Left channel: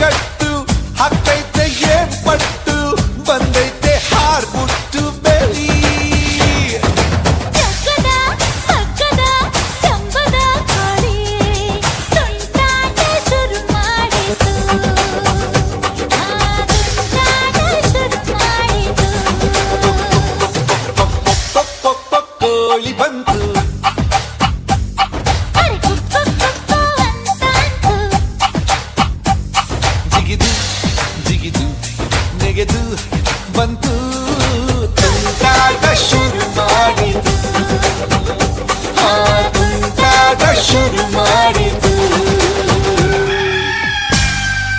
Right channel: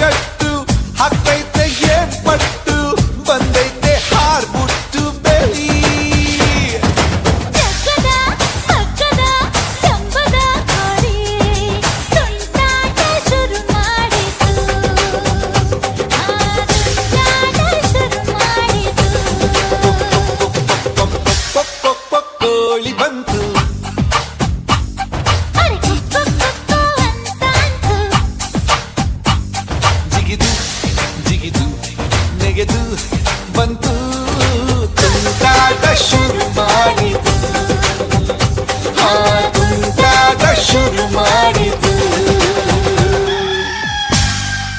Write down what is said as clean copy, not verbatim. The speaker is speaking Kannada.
ಕಟ್ಟು ಹಾಕ್ತೈತೆ ಏನ್ ಪಟ್ಟು ಬಂದೈತೆ ಹಾರ್ಬಿಟ್ಟು ಬೆಳಿ ಜಗ್ಗದ ಮಗ್ಗದ ಜಂಬದ ಕೋಳಿ ತುಂಟಾಟ ಶುರು ಮಾಡಿತು ತುಂಟಾಟ ಶುರು ಮಾಡಿತು ಕೋಳಿ ಬಂತು ಅರೆ ಕುಕ್ಕು ಕುಕ್ಕು ಅಂತಾಂತು ಜಿಗಿದು ಜಿಗಿದು ನೆಗೆದು ಬಂತು ತುಂಟಾಟ ಶುರು